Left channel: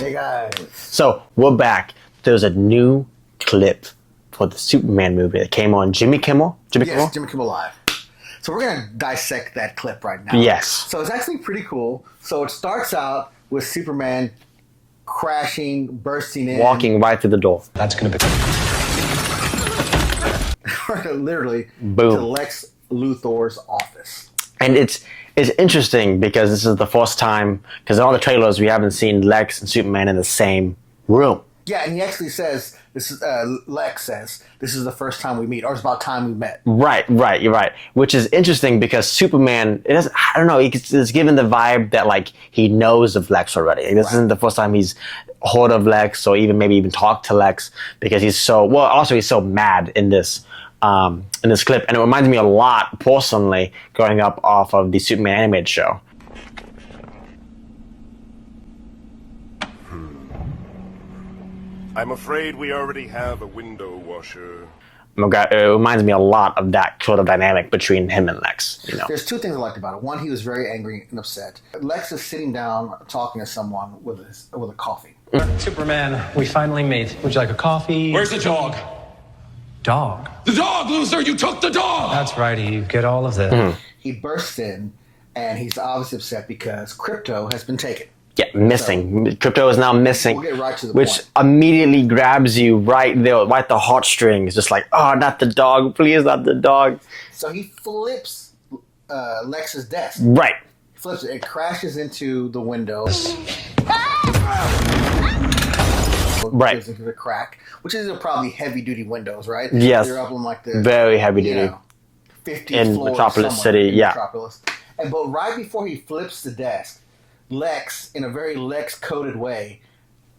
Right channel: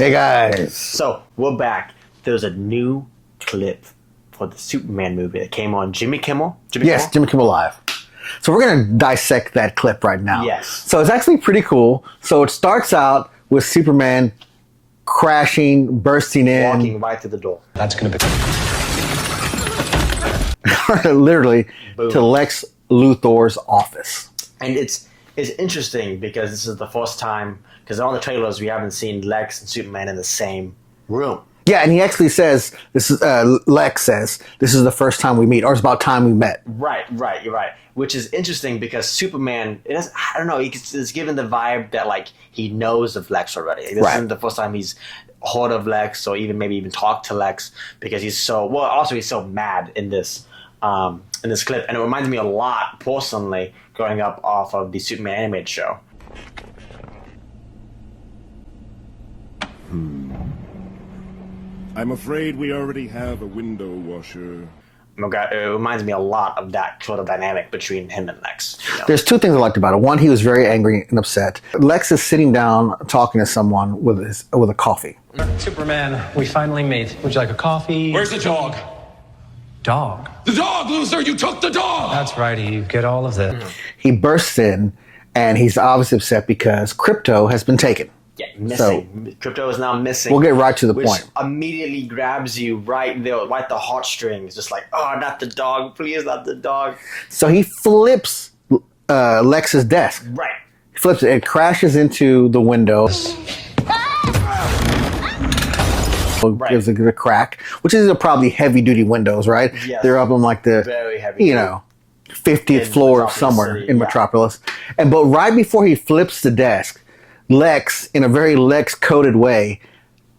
Hey guys. So we're back. There's a new clip for the Superman movie that came on Jimmy Kimmel. Jimmy Kimmel Live. So we're going to dissect that clip right now. Yes. So it's actually pretty cool. So it starts out with Superman crashing, bursting in. Walking right through the door. That's going to be... literally, Boom. to Lex Luthor's office. And it's interesting because this is the first time, because in all the trailers we haven't seen Lex and Superman in the same room. Yeah, and he actually says, "This is Lex says, this is the first time we meet, or it's about time we met." Right, you're right. Which is interesting because Superman, I don't know, it's given the vibe that like he knows of Lex already. This isn't the first time he's heard of Lex or maybe even talked to Lex because he's so mad in this clip. And it reminds me a lot, personally, growing up off of the Superman animated show. I'm afraid we already have a window washer. It reminds me a lot of that sort of dynamic between him and Lex. You know? There's two things I liked about it. One, he was very angry and upset. Lex is sitting down talking to someone with a coffee. Superman, we finally meet. Would you like a coffee? Where's the dog? Dog? The dog, loser! You took the dog! That's right, you get all of this. He bursts in, and he's obviously upset because Crypto has been taken. Yeah, missing. So, Crypto is now missing. We'll get right to the point. Which immediately grabs you right there, right the heartstrings. Just like, oh, not the dog. Please, not the dog. So he flips Lex's desk. Right. He flips it. It crashes into the window. Right. Gives a crack, which is probably heavy-duty windows, right? Yes. They're up on like the... Very heavy-duty. 50th floor Metropolis somewhere City, in yeah. Metropolis. But right before he flips the desk, Lex, in a very Lex-coded way,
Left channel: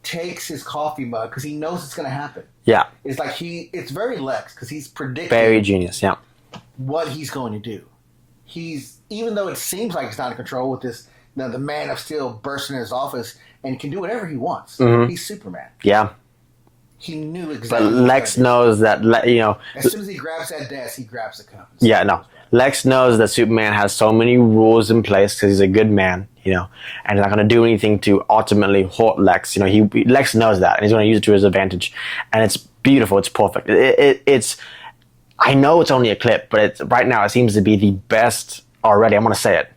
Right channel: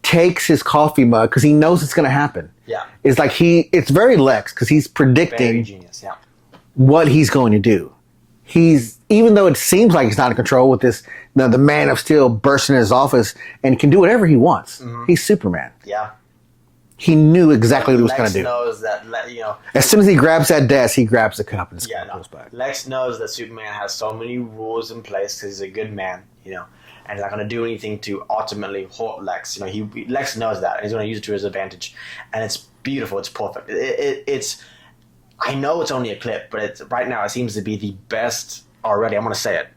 takes his coffee mug because he knows it's going to happen. Yeah. It's like it's very Lex because he's predicting Very genius, yeah. what he's going to do. Even though it seems like he's not in control with this, the Man of Steel bursts in his office and can do whatever he wants. Mm-hmm. He's Superman. Yeah. He knew exactly what he was going to do. Lex knows that, you know... As soon as he grabs that desk, he grabs the cup. And Lex knows that Superman has so many rules in place because he's a good man, you know, and he's not going to do anything to ultimately hurt Lex. You know, Lex knows that, and he's going to use it to his advantage. And it's beautiful. It's perfect. It's... I know it's only a clip, but right now it seems to be the best already. I'm going to say it.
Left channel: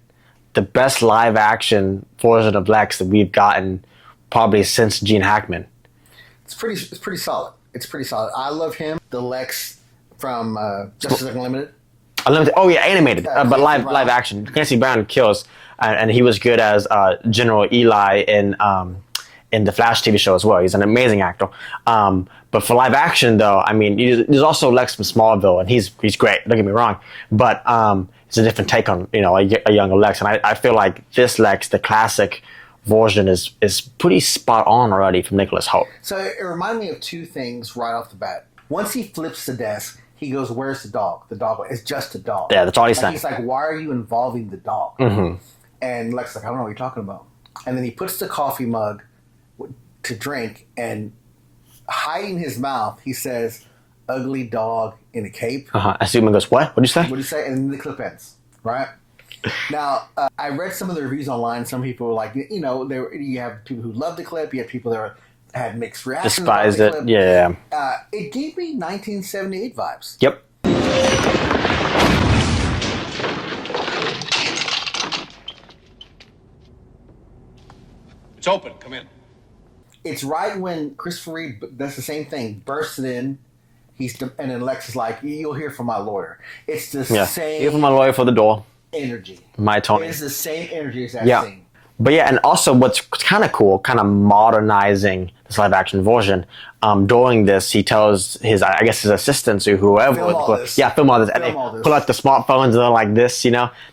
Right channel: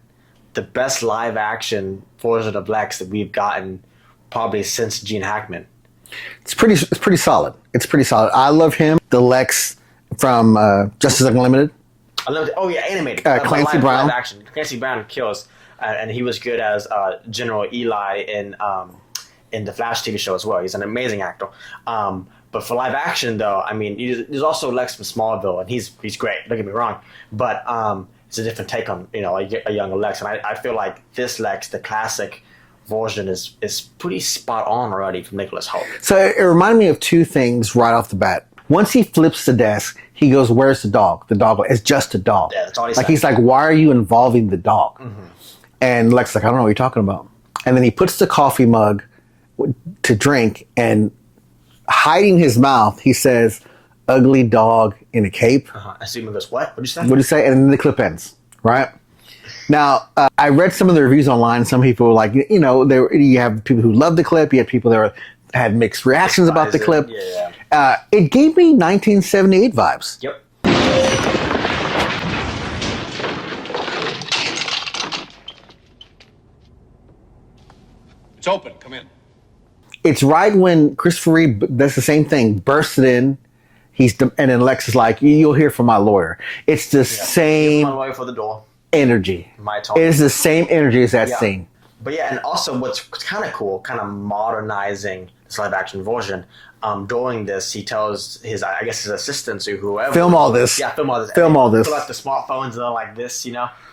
The best live-action version of Lex that we've gotten probably since Gene Hackman. It's pretty solid. It's pretty solid. I love him. The Lex from Justice Unlimited. Oh yeah, animated, but live action. Clancy Brown kills, and he was good as General Eli in the Flash TV show as well. He's an amazing actor. But for live action though, I mean, there's also Lex from Smallville, and he's great. Don't get me wrong, but it's a different take on a younger Lex, and I feel like this Lex, the classic version, is pretty spot on already from Nicholas Hoult. So it reminded me of two things right off the bat. Once he flips the desk, he goes, "Where's the dog?" The dog, it's just a dog. Yeah, that's all he's saying. He's like, "Why are you involving the dog?" Mm-hmm. And Lex is like, "I don't know what you're talking about." And then he puts the coffee mug to drink, and hiding his mouth, he says, "Ugly dog in a cape." And Superman goes, "What? What'd you say?" What'd you say? And then the clip ends, right? Now, I read some of the reviews online. Some people were like, you have people who love the clip. You have people that had mixed reactions about the clip. Yeah. It gave me 1978 vibes. Yep. It's open. Come in. It's right when Christopher Reeve does the same thing, bursts it in. And then Lex is like, "You'll hear from my lawyer." It's the same. Here's my lawyer for the door. Energy. My Tony. It is the same energy as that scene. But yeah, and also what's kind of cool, kind of modernizing this live action version. During this, he tells his assistants or whoever, film all this. Yeah, film all this. Film all this. Pull out the smartphones and they're like this,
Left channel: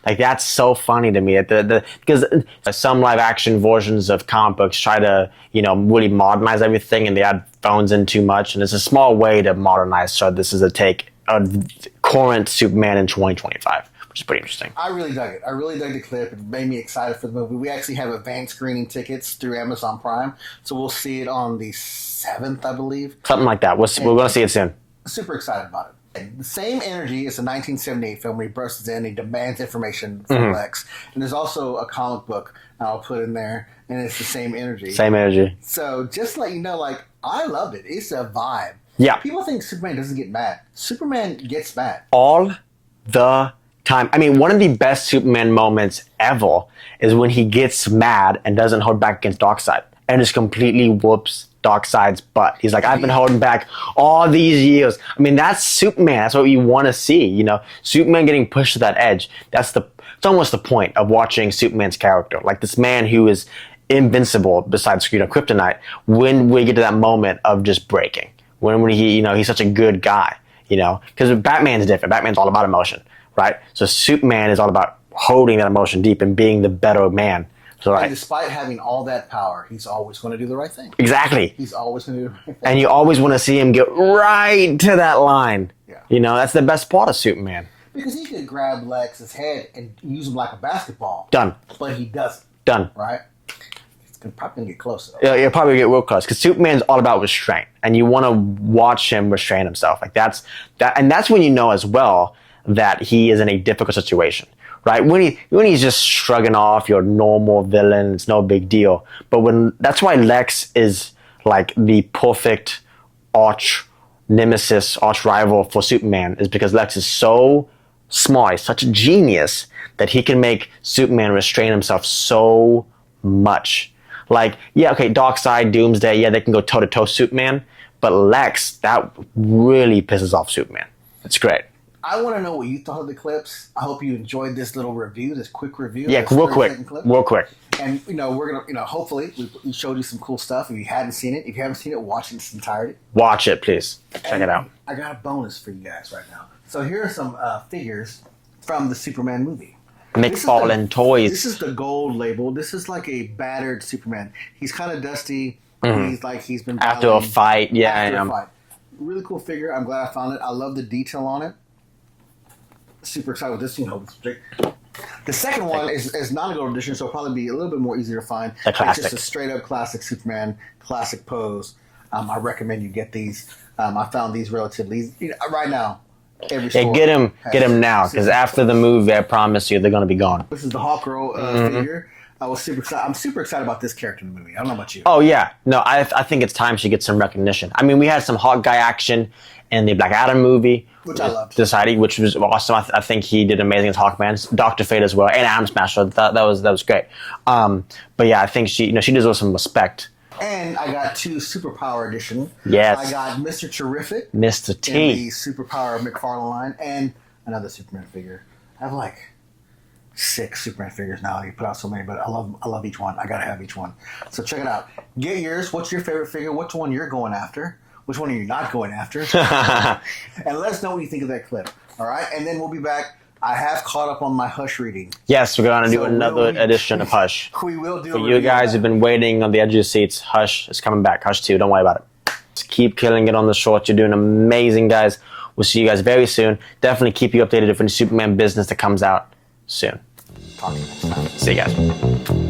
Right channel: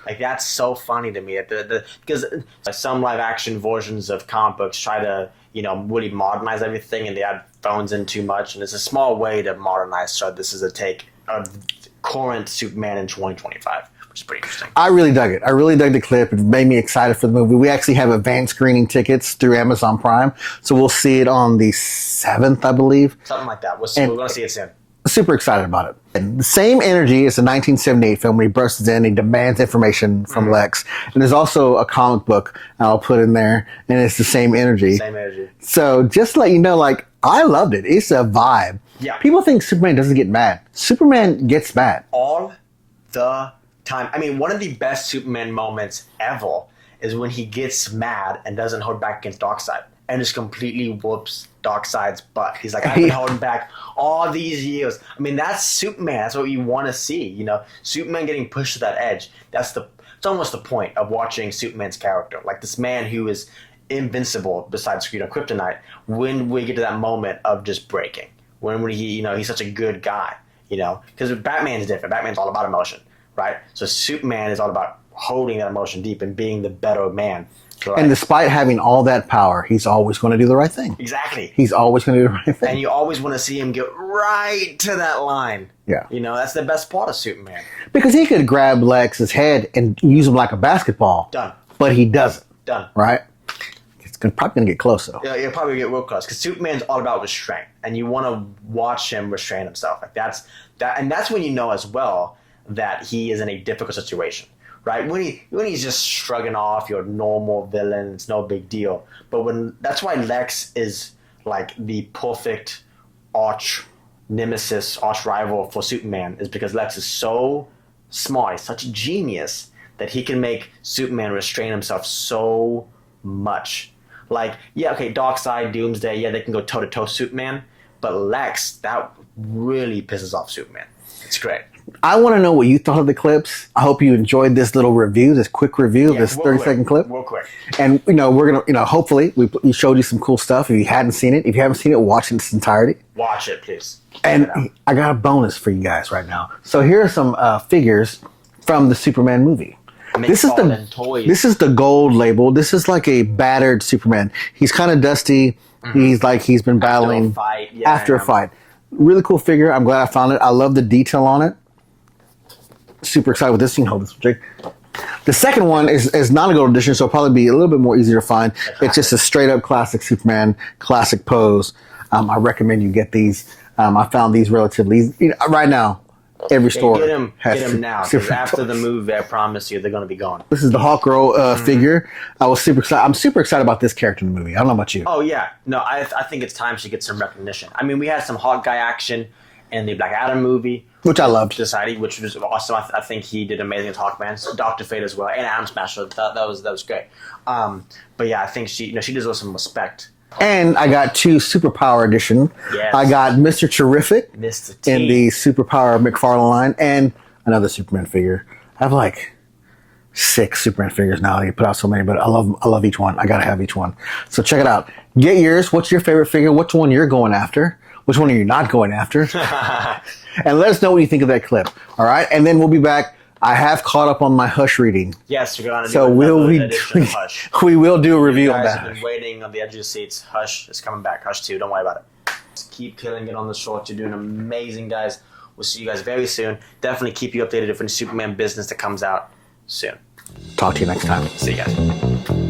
like that's so funny to me. Because some live action versions of comic books try to really modernize everything, and they add phones in too much, and it's a small way to modernize. So this is a take of current Superman in 2025. Which is pretty interesting. I really dug it. I really dug the clip. It made me excited for the movie. We actually have advanced screening tickets through Amazon Prime, so we'll see it on the 7th, I believe. Something like that. We're going to see it soon. Super excited about it. The same energy as the 1978 film when he bursts in, he demands information from Lex. And there's also a comic book I'll put in there, and it's the same energy. Same energy. So just to let you know, like, I loved it. It's a vibe. Yeah. People think Superman doesn't get mad. Superman gets mad. All the time. I mean, one of the best Superman moments ever is when he gets mad and doesn't hold back against Darkseid and just completely whoops Darkseid's butt. He's like, I've been holding back all these years. I mean, that's Superman. That's what you want to see, you know? Superman getting pushed to that edge. It's almost the point of watching Superman's character. Like this man who is invincible besides, kryptonite, when we get to that moment of just breaking. When he, he's such a good guy, because Batman's different. Batman's all about emotion, right? So Superman is all about holding that emotion deep and being the better man. So and despite having all that power, he's always going to do the right thing. Exactly. He's always going to do the right thing. And you always want to see him get right to that line. Yeah. That's the best part of Superman. Because he could grab Lex's head and use him like a basketball. Done. But he doesn't. Done. Right? It's probably going to get close, though. Yeah, you'll probably get real close. Because Superman's all about restraint. And you want to watch him restrain himself. And that's when you know as well that he is in a difficult situation. Right? When he's just shrugging off your normal villain, it's no big deal. But that's why Lex is like the perfect arch nemesis, arch rival for Superman, is because Lex is so smart, he's such a genius that he can make Superman restrain himself so much. Like, yeah, okay, Darkseid, Doomsday, yeah, they can go toe-to-toe Superman, but Lex, that really pisses off Superman. It's great. I want to know what you thought of the clips. I hope you enjoyed this little review, this quick review, this 30-second clip. Real quick. And, we're going to, hopefully, we showed you some cool stuff. If you hadn't seen it, watch it in its entirety. Watch it, please. Check it out. I got a bonus for you guys right now. So here are some figures from the Superman movie. McFarlane Toys. This is the gold label. This is like a battered Superman. He's kind of dusty. Mm-hmm. He's been battling. After a fight. Yeah, after a fight. Really cool figure. I'm glad I found it. I love the detail on it. Super excited with this. You can hold this, Jake. The second one is not a gold edition, so it'll probably be a little bit more easier to find. It's just a straight up classic Superman, classic pose. I recommend you get these. I found these relatively right now. Every store. Get him now, because after the movie, I promise you, they're going to be gone. This is the Hawk Girl figure. I was super excited. I'm super excited about this character in the movie. I don't know about you. Oh yeah, no, I think it's time she gets some recognition. I mean, we had some Hawk guy action in the Black Adam movie, which I loved. Society, which was awesome. I think he did amazing as Hawkman. Dr. Fate as well, and Atom Smasher. That was great. But yeah, I think she deserves some respect. And I got 2 Superpower edition. Yes. I got Mr. Terrific. Mr. T. In the Superpower McFarlane line, and another Superman figure. I have like 6 Superman figures now. They put out so many, but I love each one. I gotta have each one. So check it out. Get yours. What's your favorite figure? Which one you're going after? Which one are you not going after? And let us know what you think of that clip. All right? And then we'll be back. I have caught up on my Hush reading. Yes, we're going to do another edition of Hush. We will do a review. You guys have been waiting on the edge of your seats. Hush is coming back. Hush 2. Don't worry about it. Just keep killing it on the shorts. You're doing amazing, guys. We'll see you guys very soon. Definitely keep you updated if any Superman business that comes out soon. Talk to you next time. See you guys.